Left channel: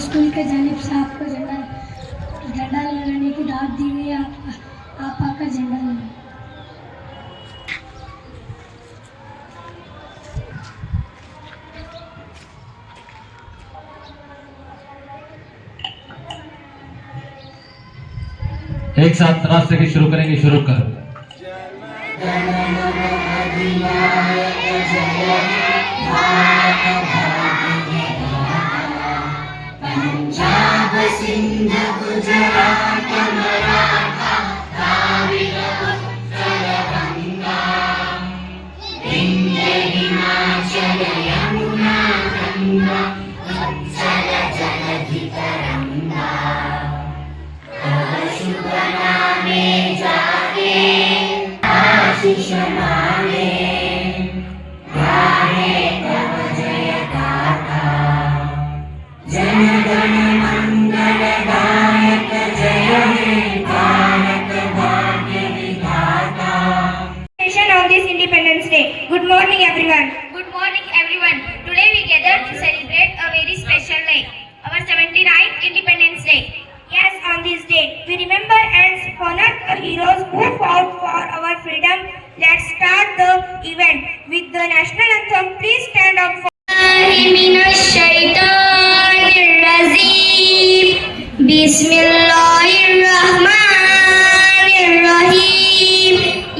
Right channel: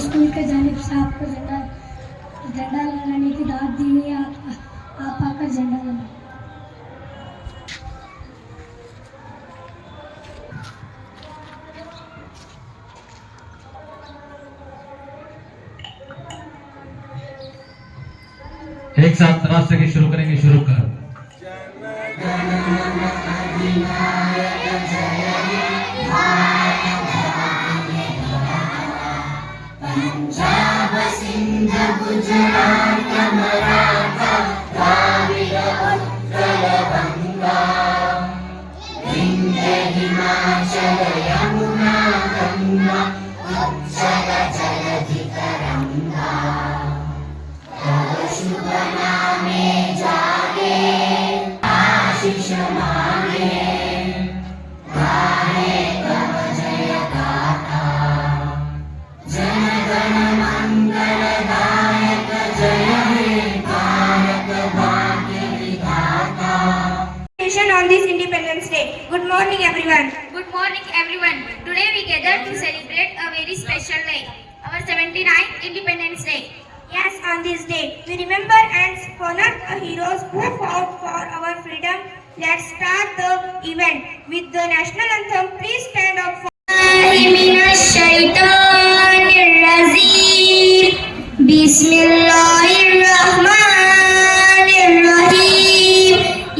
School के जानिब से आपको झंडा लगाने की दावत दी हुई है। आप आकर झंडा लगाएं। एक साथ राष्ट्र की शुरू करेंगे। शुरू करो। पंजाब सिंध गुजरात मराठा द्राविड़ उत्कल गंगा विंध्य हिमाचल यमुना गंगा उच्चल जलधि तरंगा तव शुभ नामे जागे आशीष मांगे गाहे तव जय गाथा जन गण मंगल दायक जय हे भारत भाग्य विधाता। On this Independence Day. Good morning everyone. Good morning everyone. Today we gathered to celebrate a very special day, our 79th Independence Day. Yes, on this day we remember and honor the heroes who fought for our freedom. Let's start the event with the national anthem. Please stand up for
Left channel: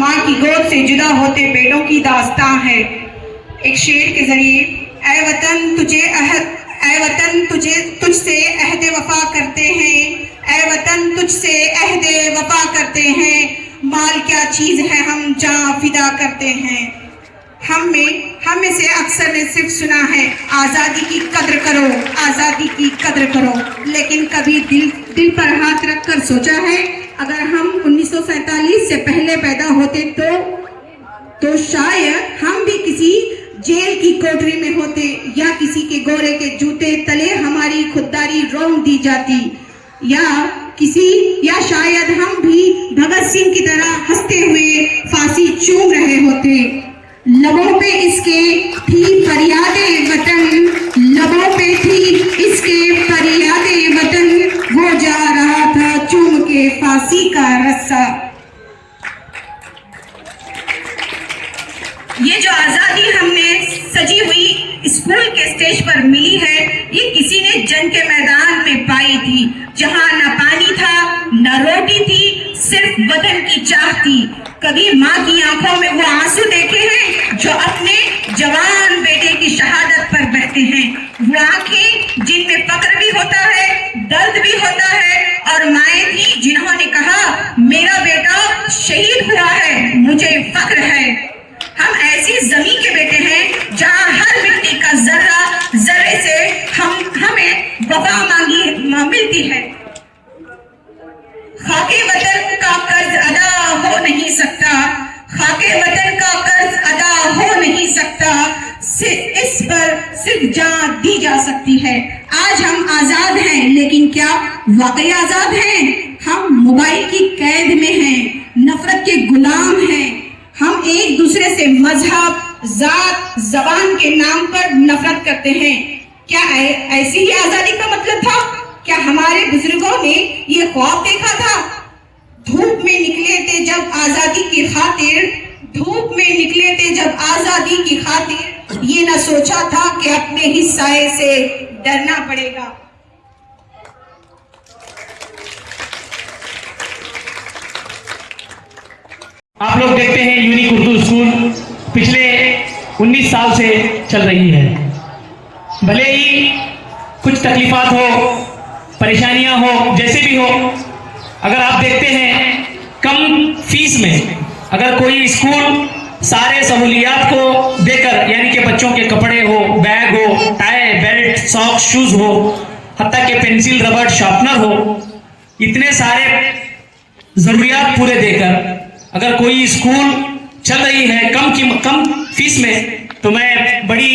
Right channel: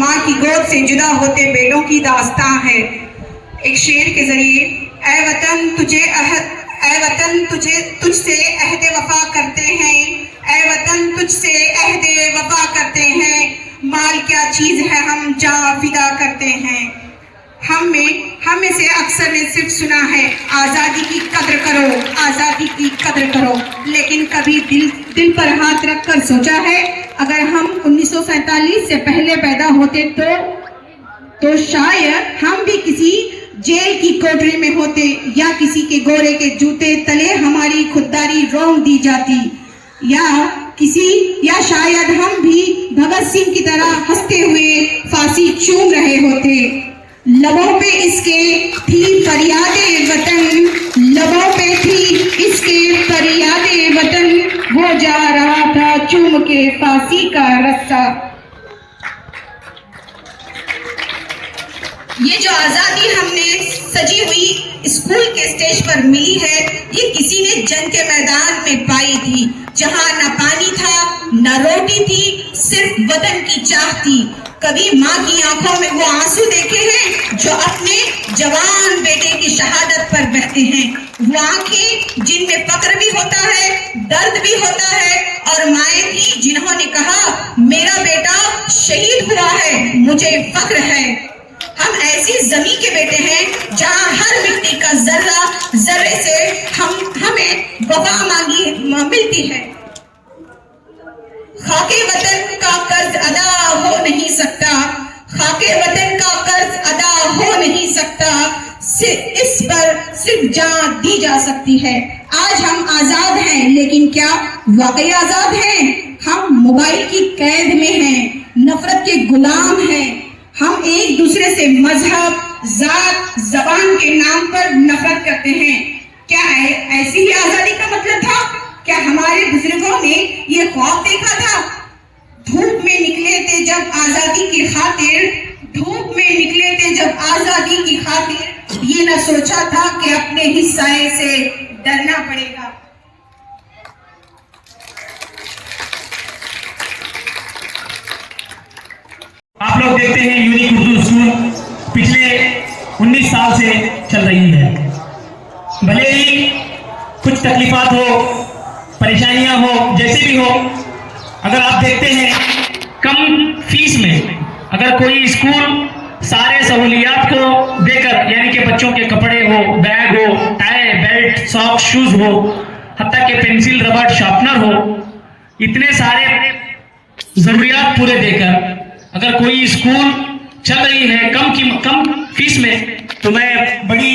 माँ की गोद से जुदा होते बेटों की दास्तां है। एक शेर के जरिए ऐ वतन तुझसे अहदे वफा करते हैं, ऐ वतन तुझसे अहदे वफा करते हैं, माल क्या चीज है हम जान फिदा करते हैं। हम में से अक्सर ने सिर्फ सुना है आजादी की कद्र करो, आजादी की कद्र करो, लेकिन कभी दिल पर हाथ रखकर सोचा है अगर हम 1947 से पहले पैदा होते तो शायद हम भी किसी जेल की कोठरी में होते या किसी के गोरे के जूते तले हमारी खुददारी रोक दी जाती, या शायद हम भी भगत सिंह की तरह हंसते हुए फांसी चूम रहे होते। लबों पे इसके थी फरियादे वतन, लबों पे थी इसके फरियादे वतन, वो जा रहा था चूम के फांसी का रस्सा। ये जो आजादी हमने सजी हुई स्कूल के स्टेज पर मिली है, ये किसी ने जंग के मैदान में पाई थी, जहां न पानी था न रोटी थी, सिर्फ वतन की चाह थी। कभी माँ की आंखों में वो आंसू देखे हैं जो अपने जवान बेटे की शहादत पर बहते हैं, वो आंखें जिनमें फक्र भी होता है, दर्द भी होता है, और माएँ थी जिन्होंने कहा मेरा बेटा शहीद हुआ है, मुझे फक्र है। हम ऐसी जमीन के बेटे हैं जहां हर मिट्टी का जर्रे से हमें वफा मिलती है। खाके वतन का कर्ज अदा हो नहीं सकता, खाके वतन का कर्ज अदा हो नहीं सकता, इस पर सिर्फ जान दी जा सकती है। आज हम आजाद हैं, लेकिन क्या वाकई आजाद हैं? हम मोबाइल की कैद में हैं, नफरत के गुलाम हैं। हम एक दूसरे से मजहब, जात, जबान के नाम पर नफरत करते हैं। क्या ऐसी ही आजादी का मतलब था? क्या हमारे बुजुर्गों ने ये ख्वाब देखा था? धूप में निकले थे जब आजादी की खातिर, धूप में निकले थे जब आजादी की खातिर, ये न सोचा था कि अपने ही साए से डरना पड़ेगा। आप लोग देखते हैं यूनिक उर्दू स्कूल पिछले 19 साल से चल रही है। भले ही कुछ तकलीफात हो, परेशानियां हो, जैसे भी हो, अगर आप देखते हैं कम फीस में अगर कोई स्कूल सारे सहूलियात को देकर, यानी कि बच्चों के कपड़े हो, बैग हो, टाई, बेल्ट, सॉक्स, शूज हो, हत्ता के पेंसिल, रबड़, शार्पनर हो, इतने सारे जरूरियात पूरे देकर अगर कोई स्कूल चल रही है कम फीस में, तो मैं बड़ी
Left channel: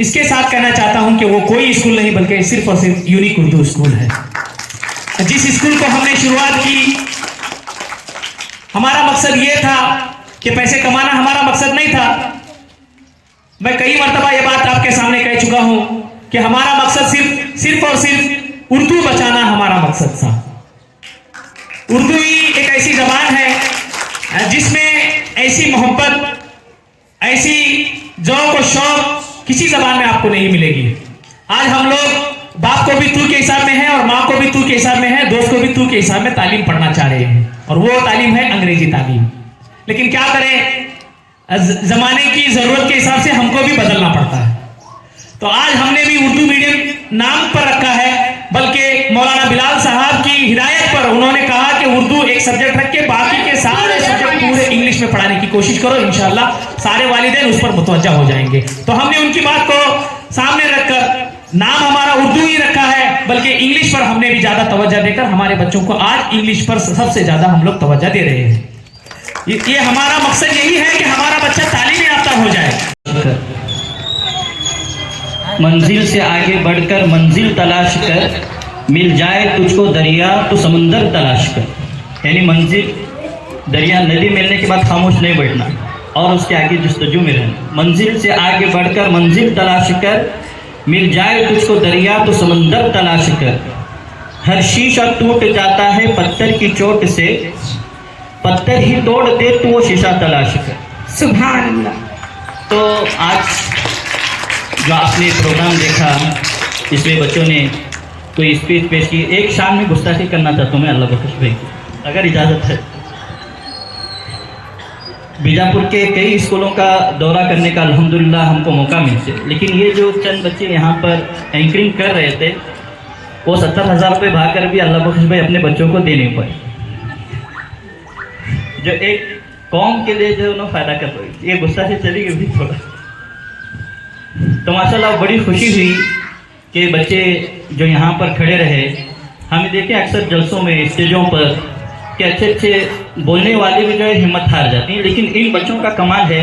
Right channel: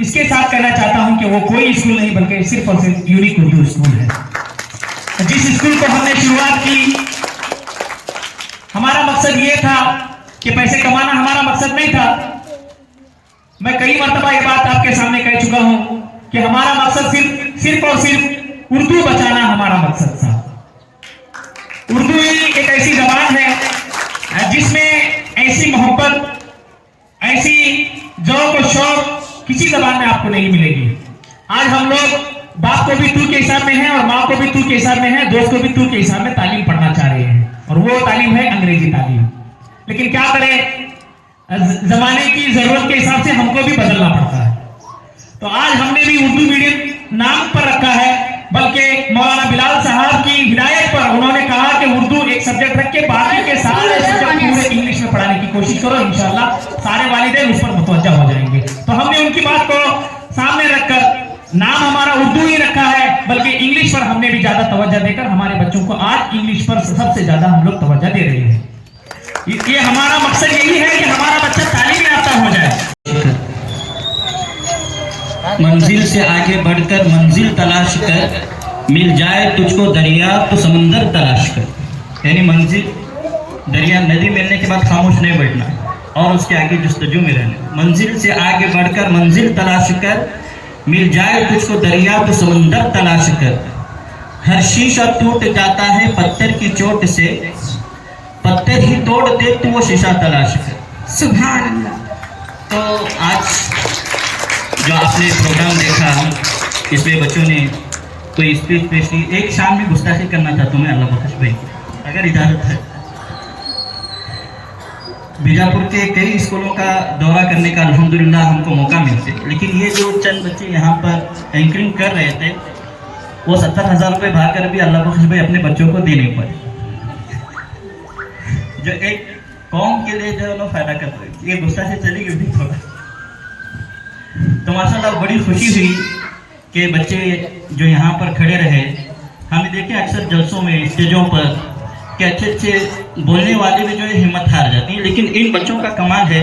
इसके साथ कहना चाहता हूं कि वो कोई स्कूल नहीं बल्कि सिर्फ और सिर्फ यूनिक उर्दू स्कूल है। जिस स्कूल को हमने शुरुआत की, हमारा मकसद ये था कि पैसे कमाना हमारा मकसद नहीं था। मैं कई मर्तबा ये बात आपके सामने कह चुका हूं कि हमारा मकसद सिर्फ और सिर्फ उर्दू बचाना हमारा मकसद था। उर्दू ही एक ऐसी जबान है जिसमें ऐसी मोहब्बत, ऐसी जौक और शौक किसी जबान में आपको नहीं मिलेगी। आज हम लोग बाप को भी तू के हिसाब में है और माँ को भी तू के हिसाब में है, दोस्त को भी तू के हिसाब में तालीम पढ़ना चाह रहे हैं, और वो तालीम है अंग्रेजी तालीम। लेकिन क्या करें, जमाने की जरूरत के हिसाब से हमको भी बदलना पड़ता है। तो आज हमने भी उर्दू मीडियम नाम पर रखा है, बल्कि मौलाना बिलाल साहब की हिदायत पर उन्होंने कहा कि उर्दू एक सब्जेक्ट रख के बाकी के सारे सब्जेक्ट पूरे इंग्लिश में पढ़ाने की कोशिश करो, इंशाल्लाह सारे वालिदैन उस पर मुतवज्जा हो जाएंगे। तो हमने उनकी बात को सामने रखकर नाम हमारा उर्दू ही रखा है, बल्कि इंग्लिश पर हमने भी ज्यादा तवज्जो देकर हमारे बच्चों को आज इंग्लिश पर सबसे ज्यादा हम लोग तवज्जो दे रहे हैं। ये हमारा मकसद यही है कि हमारा बच्चा तालीम याफ्ता हो जाए। मंजिल से आगे बढ़कर मंजिल तलाश कर, मिल जाए तुझको दरिया तो समंदर तलाश कर। यानी मंजिल दरिया नदी मिलने के बाद खामोश नहीं बैठना और उसके आगे जस्तजू में रहना। मंजिल से आगे बढ़कर मंजिल तलाश कर, मिल जाए तुझको दरिया तो समंदर तलाश कर। हर शीशा टूट जाता है पत्थर की चोट से, पत्थर ही तोड़ दे तो वो शीशा तलाश कर। सुभान अल्लाह। तो आज जो आपने प्रोग्राम देखा, इसमें बच्चों ने कोई स्पीच पेश की। एक शाम में गुस्ताखी करना चाहता हूँ मैं अल्लाह बख्श भाई, अगर इजाज़त है। बीजापुर के कई स्कूलों का दौरा करने का अल्हम्दुलिल्लाह हमको मौका मिलते, लेकिन ये जो चंद बच्चे यहाँ पर एंकरिंग कर रहे थे, वो 70,000 रुपये भाकर भी अल्लाह बख्श भाई अपने बच्चों को दे नहीं पाए, जो एक कौम के लिए जो उन्होंने फायदा कर रही। ये गुस्सा से चली गई थोड़ा। तो माशाल्लाह बड़ी खुशी हुई कि बच्चे जो यहाँ पर खड़े रहे। हमें देखे अक्सर जलसों में, स्टेजों पर कि अच्छे बोलने वाले भी जो है हिम्मत हार जाती है, लेकिन इन बच्चों का कमाल है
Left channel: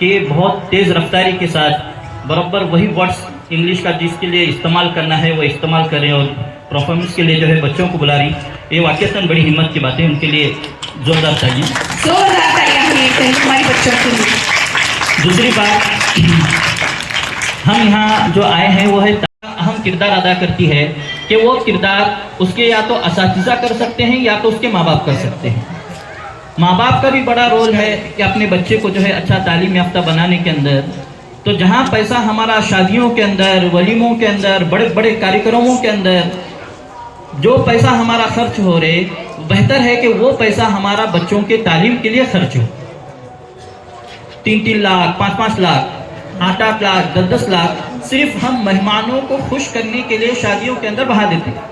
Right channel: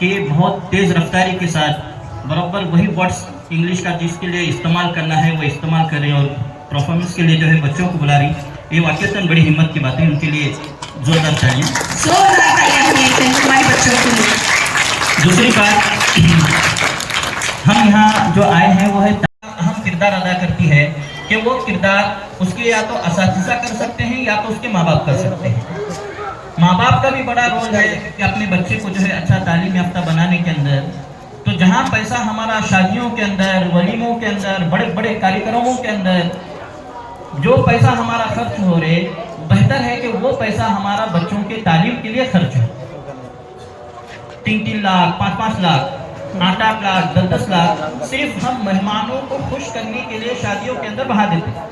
कि ये बहुत तेज़ रफ्तारी के साथ बराबर वही वर्ड्स इंग्लिश का जिसके लिए इस्तेमाल करना है वो इस्तेमाल करें और परफॉर्मेंस के लिए जो है बच्चों को बुला रही। ये वाकईतन बड़ी हिम्मत की बात है, उनके लिए जोरदार चाहिए। दूसरी बात, हम यहाँ जो आए हैं वो है अहम किरदार अदा करती है कि वो किरदार उसके या तो असातिज़ा कर सकते हैं या तो उसके माँ बाप कर सकते हैं। माँ बाप का भी बड़ा रोल है कि अपने बच्चे को जो है अच्छा तालीम याफ्ता बनाने के अंदर। तो जहाँ पैसा हमारा शादियों के अंदर, वलीमों के अंदर, बड़े बड़े कार्यक्रमों के अंदर जो पैसा हमारा खर्च हो रहे, बेहतर है कि वो पैसा हमारा बच्चों के तालीम के लिए खर्च हो। 3-3 लाख, 5-5 लाख, 8-8 लाख, 10-10 लाख सिर्फ हम मेहमानों को खुश करने के लिए शादियों के अंदर बहा देते हैं।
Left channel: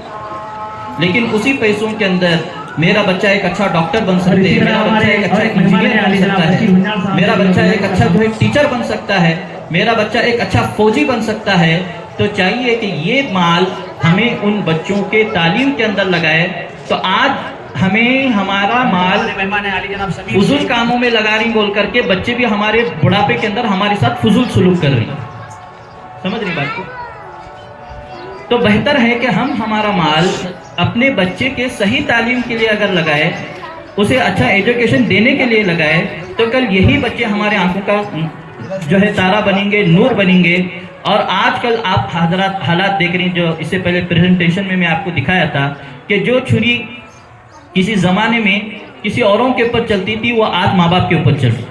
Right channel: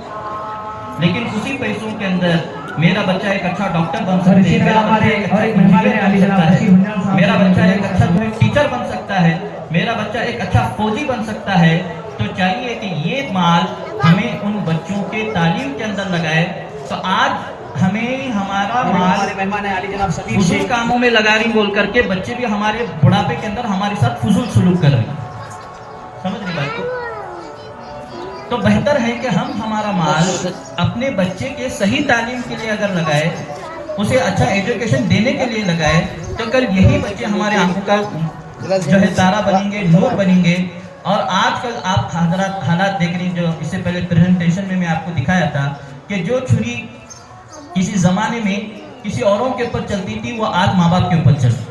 लेकिन उसी पैसों के अंदर मेरा बच्चा एक अच्छा डॉक्टर बन सकता है, मेरा बच्चा एक अच्छा इंजीनियर बन सकता है, मेरा बच्चा एक अच्छा जो है टीचर बन सकता है, मेरा बच्चा एक अच्छा फौजी बन सकता है। तो चाहिए कि ये माल हमें उन बच्चों के तालीम के अंदर लगाए। तो आज हमें हमारा माल फजूल कामों में लगा रही बोल करके बच्चे भी हमारे बुढ़ापे के अंदर हमारे साथ फजूल सलूक कर रहे हैं। समझ रही बात को? तो बेहतर है कि हम हमारा माल अपने बच्चे के सही तालीम के लिए अगर लगाए, उसे अच्छा एजुकेशन देने के लिए लगाए, तो कल यही बच्चे हमारे आंखों का जो है तारा बनेंगे, नूर बनेंगे। और आजकल आप हालात देख रहे हैं, जो इससे पहले प्रेजेंटेशन में मैं आपको दिखाया था कि जो छुरी किसी ज़माने में किसी औरों के ऊपर चलती थी, वो आज माँ बाप के ऊपर चलती।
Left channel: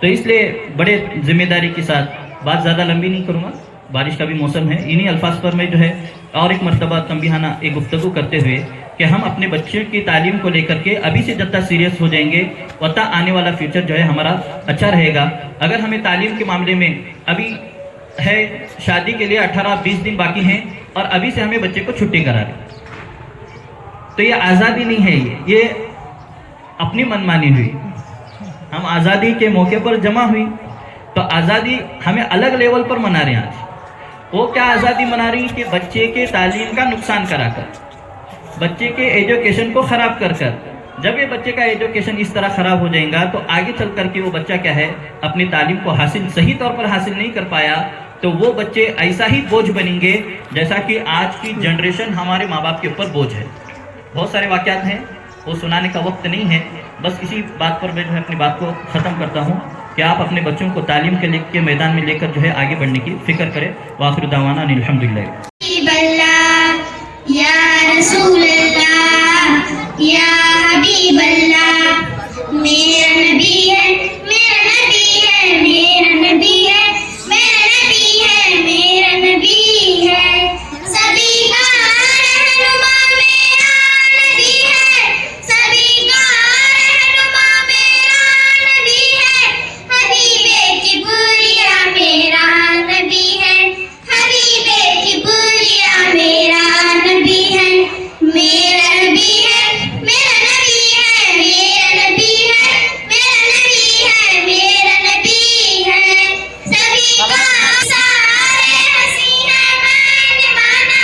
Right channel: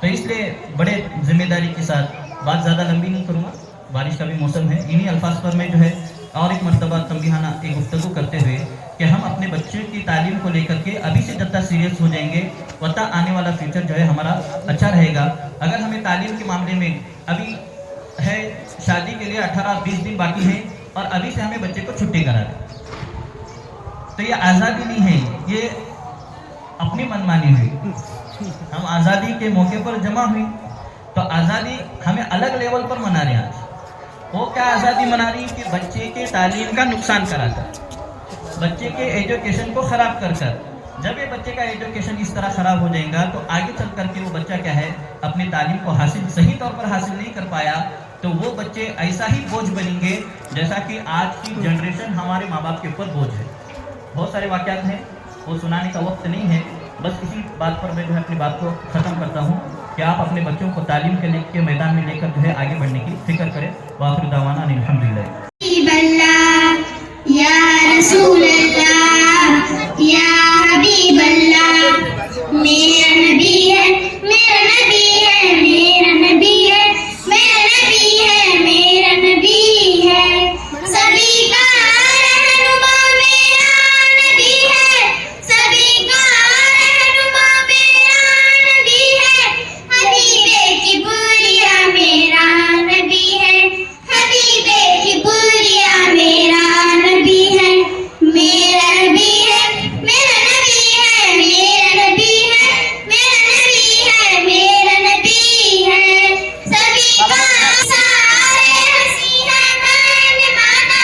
तो इसलिए बड़े जिम्मेदारी के साथ, बात ज़्यादा लंबी नहीं करूँगा, बारिश का भी मौसम है, इन्हीं अल्फाज पर मैं जो है और एक मरतबा तंबीहाना एक गुफ्तगू करते हुए कि हम अपने बच्चे की तालीम को लेकर के अभी से जितना सीरियस हो जाएंगे, उतना आने वाला फ्यूचर जो है हमारा अच्छा रहेगा। अगर हमें तालीम के मामले में अभी है, शादी के लिए 18-20 दिन बाकी हैं और अभी से हमें बच्चे को छुट्टी करा दें, तो ये आज़ादी नहीं है, ये अपनी मनमानी हुई। हम आज़ादी के मौके पर जमा हुई, तो आज़ादी हमें अलग लेवल पर मना रहे हैं। आज वो क्या आज़ादी मना रही कि बच्चे के तालीम का नुकसान कराकर, बच्चे के एजुकेशन को ख़राब कर कर, जब ये बच्चे का एजुकेशन इस तरह खराब हो जाएगा तो आगे चल करके वो बच्चा क्या है अपनी तालीम को हासिल सही तौर पर हासिल नहीं कर पाया तो वो बच्चे ऐसा ही बोझ बनेंगे जैसा कि आज की जनरेशन हमारे माँ बाप के ऊपर बोझ है। बहुत सारे वाक़यात हैं, वो सुनाने का वक्त नहीं है, बस इसी बात पर मैं जो है अपनी बात को ख़त्म करता हूँ कि आप अपने बच्चों को तालीम के मैदान में लेकर जो है आगे बढ़ने की फिक्र करें। वाखिर दावाना अल्हम्दुलिल्लाह। या रसूल अल्लाह या हबीब अल्लाह मेरा नबी है मेरा नबी है मेरा नबी है मेरा नबी है मेरा नबी है सभी का रहनुमा मेरा नबी है सभी का रहनुमा मेरा नबी है हबीबे की बुरिया मेरा नबी है हबीबे की बुरिया मेरा नबी है मेरा नबी है मेरा नबी है मेरा नबी है मेरा नबी है मेरा नबी है सभी का सारे हंसी है मैंने माना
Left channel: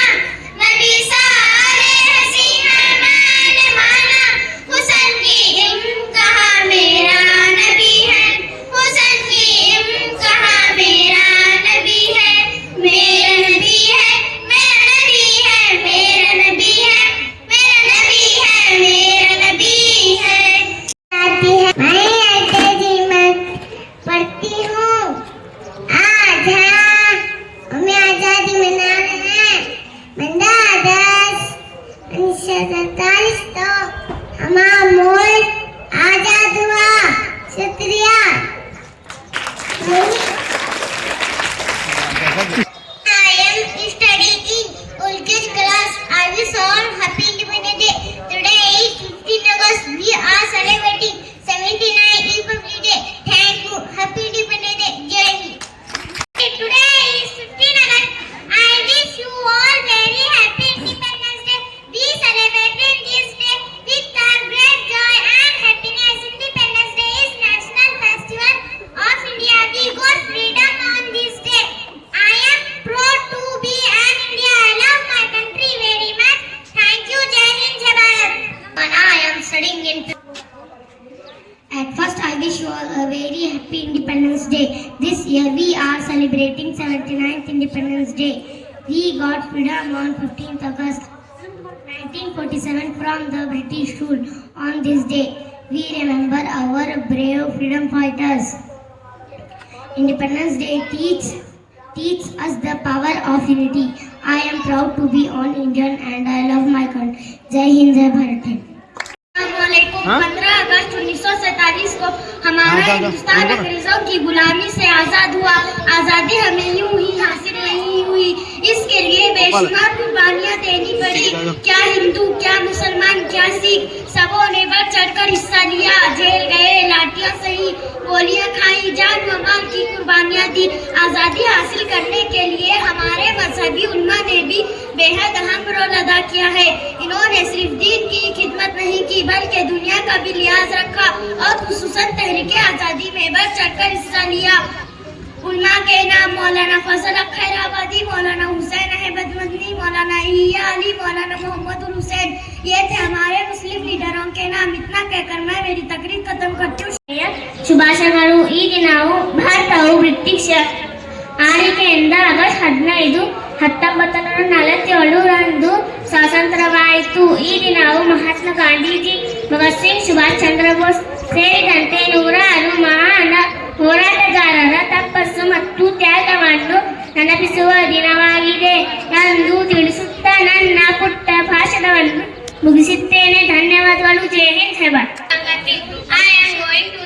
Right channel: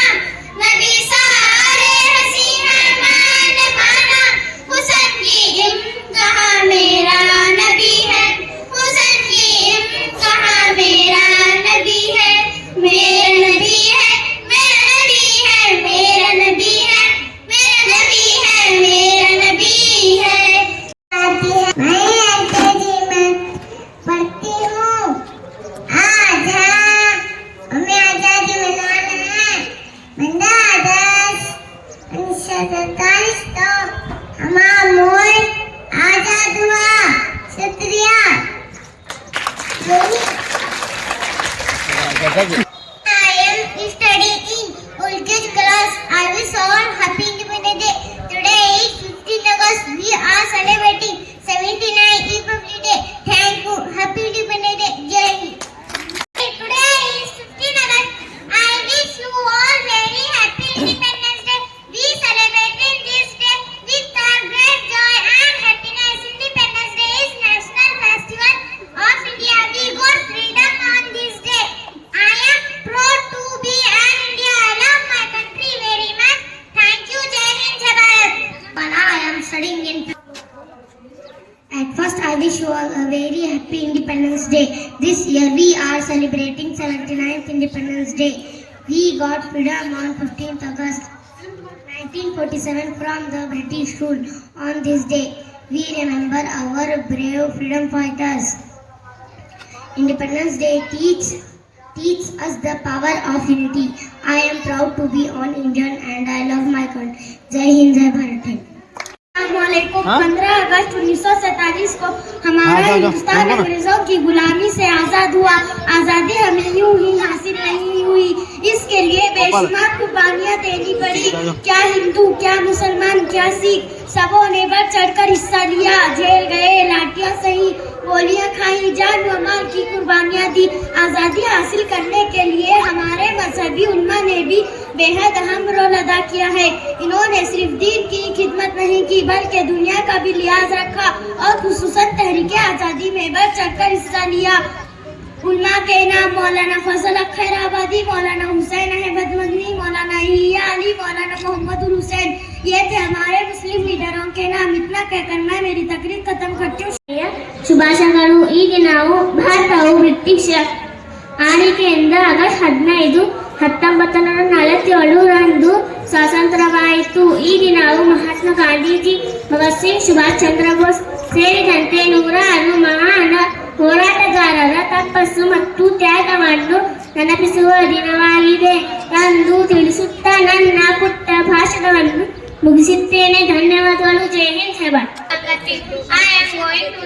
नबी सारे हंसी है मैंने माना हुसैन की इम्तिहा मेरा नबी है हुसैन की इम्तिहा मेरा नबी है मेरा नबी है मेरा नबी है मेरा नबी है मेरा नबी है मेरा नबी है मैं एलकेजी में पढ़ती हूँ। आज हमें आजादी मनाना है 15 अगस्त 1947 को हमारा मुल्क आजाद हुआ। शुक्रिया। I am studying Ulkesh class. I wish all happy Independence Day. Today is 15 August. We are celebrating 79th Republic Day. Thank you. Happy Independence Day. Jai Hind. Today is 15 August. I wish you all very happy Independence Day. We celebrated this day with a great joy and happiness. Independence Day is national festival of India. We got freedom on this day. I am proud to be an Indian. I love my country very much. Thank you, Jai Hind, Jai Bharat. But I am studying in. At first, I wish you all a very happy Independence Day. This year, we are celebrating 79th Independence Day. We got freedom on 15th August 1947 from the British rule. On this day, we remember our brave freedom fighters. Independence Day teach us the power of unity. I am proud to be an Indian and I love my country. Jai Hind, Jai Bharat. 15 अगस्त 1947 को हमारा हिंदुस्तान अंग्रेजों की गुलामी से आजाद हुआ। आजादी हमें यूं ही हासिल नहीं हुई, इसके लिए बेशुमार कुर्बानियां देनी पड़ी। क्या हिंदू, क्या मुसलमान, क्या सिख, सबों ने बढ़ चढ़कर हिस्सा लिया। जेल गए, लाठियां सही, गोलियां खाई, जान व माल की कुर्बानियां दी। आजादी हासिल करने के लिए हमारे मजहबी उम्मा ने भी बेहद अहम रोल अदा किया है। इन्होंने सिर्फ दीन की खिदमत नहीं की बल्कि दुनिया का भी लिहाज रखा और खुसूसन तहरीक आज़ादी में बढ़ चढ़कर हिस्सा लिया। उल्मा के नाम मौलाना फजल खैराबादी, मौलाना हुसैन अहमद मदनी, मौलाना इया अली, मौलाना मोहम्मद हुसैन, ये थे हमारे मुस्लिम लीडरों के नाम। इतना कहकर मैं मेरी तकरीर खत्म करती हूँ। ಶುಭಾಶಯಗಳು। ಈಗ ನಾವು ಭಾರತವು ಬ್ರಿಟಿಷ್ ಆಳ್ವಿಕೆಯಿಂದ ಆಗಸ್ಟ್ 15, 1947 ಸ್ವಾತಂತ್ರ್ಯವಾಯಿತು। ಈ ದಿನವು ಮಹಾತ್ಮ ಗಾಂಧೀಜಿ, ಭಗತ್ ಸಿಂಗ್, ಸುಭಾಷ್ ಚಂದ್ರ ಬೋಸ್ ಸೇರಿದಂತೆ 106 ಮಹಾನ್ ಹೋರಾಟಗಾರರ ತಪಸ್ಸು ಮತ್ತು ತ್ಯಾಗವನ್ನು ನೆನಪಿಸುವ ದಿನವಾಗಿದೆ ಎಂದು ತಿಳಿಸುತ್ತಾ ನನ್ನ ಪುಟ್ಟ ಭಾಷಣವನ್ನು ಮುಗಿಸುತ್ತೇನೆ। ಧನ್ಯವಾದಗಳು। ಜೈ ಹಿಂದ್, ಜೈ Bharat. I am going to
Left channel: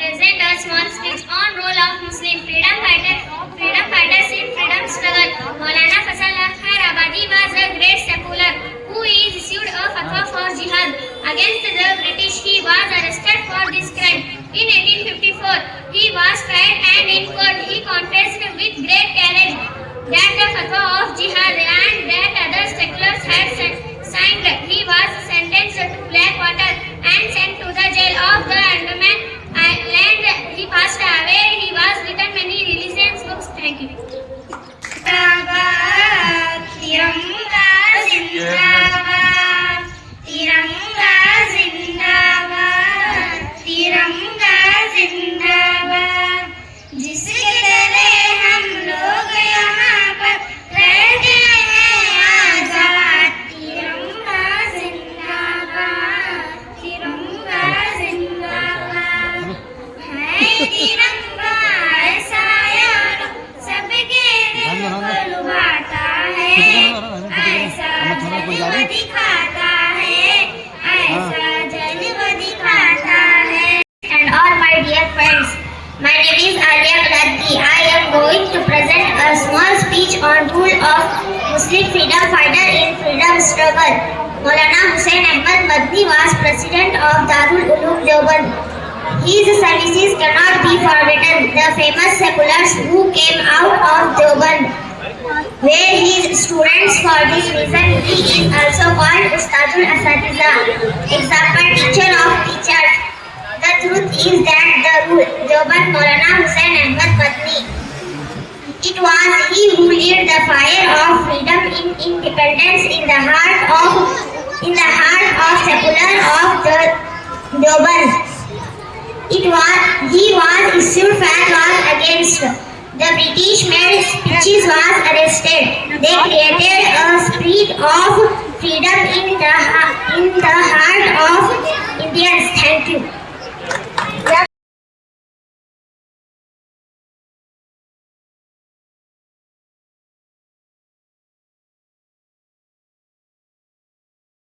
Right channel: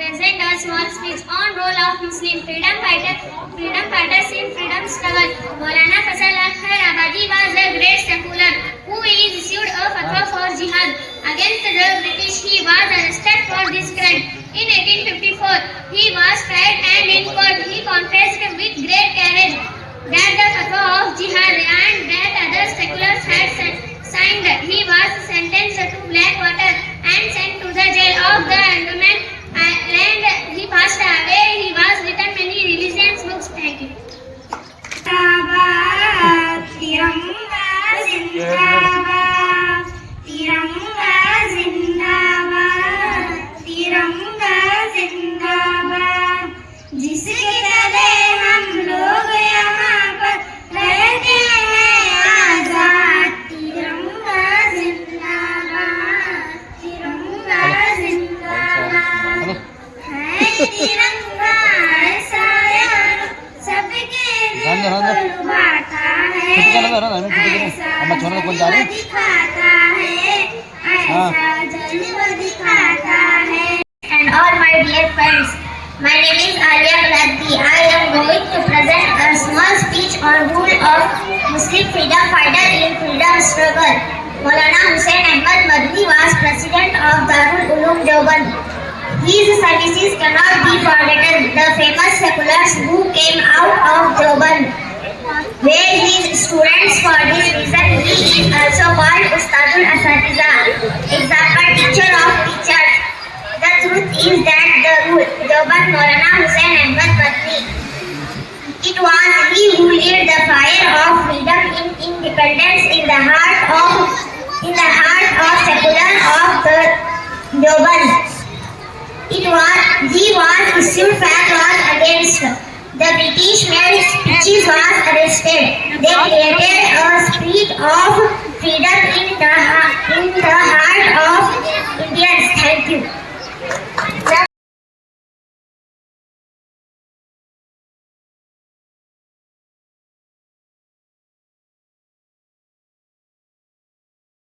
present a small speech on role of Muslim freedom fighters in freedom struggle. Maulana Fazal Khairabadi was a great secular who issued a fatwa for jihad against the British. He was arrested for this crime. In 1854, he was tried and in court he confessed with great courage that the fatwa of jihad and that other seculars had signed. He was sentenced to Blackwater and sent to the jail of the Andaman Island. He passed away. He was written many religious books. Thank you. तिरंगा जिंदाबाद, तिरंगा जिंदाबाद। जन्म दिखाता है, ऐसा जन्म दिखाता है। And all my dear friends, my name is Alia Bladdi. I am going to present a small speech on role of Muslim freedom fighter in freedom struggle. Maulana Hussain Ahmad Madni was president of Darul Uloom Deoband. His services cannot be forgotten. The famous seculars who came out of Deoband were his students. For this reason, he is also called Ustadul Asatiza, example teacher of teachers. The truth is that the Deoband Maulana Hussain Ahmad Madni, it was he who lit the fire of freedom in independence in the heart of secular of the Deoband. He was issued fatwas against the British men. Speeches was arrested. They created a spirit of freedom in the heart of Indians. Thank you.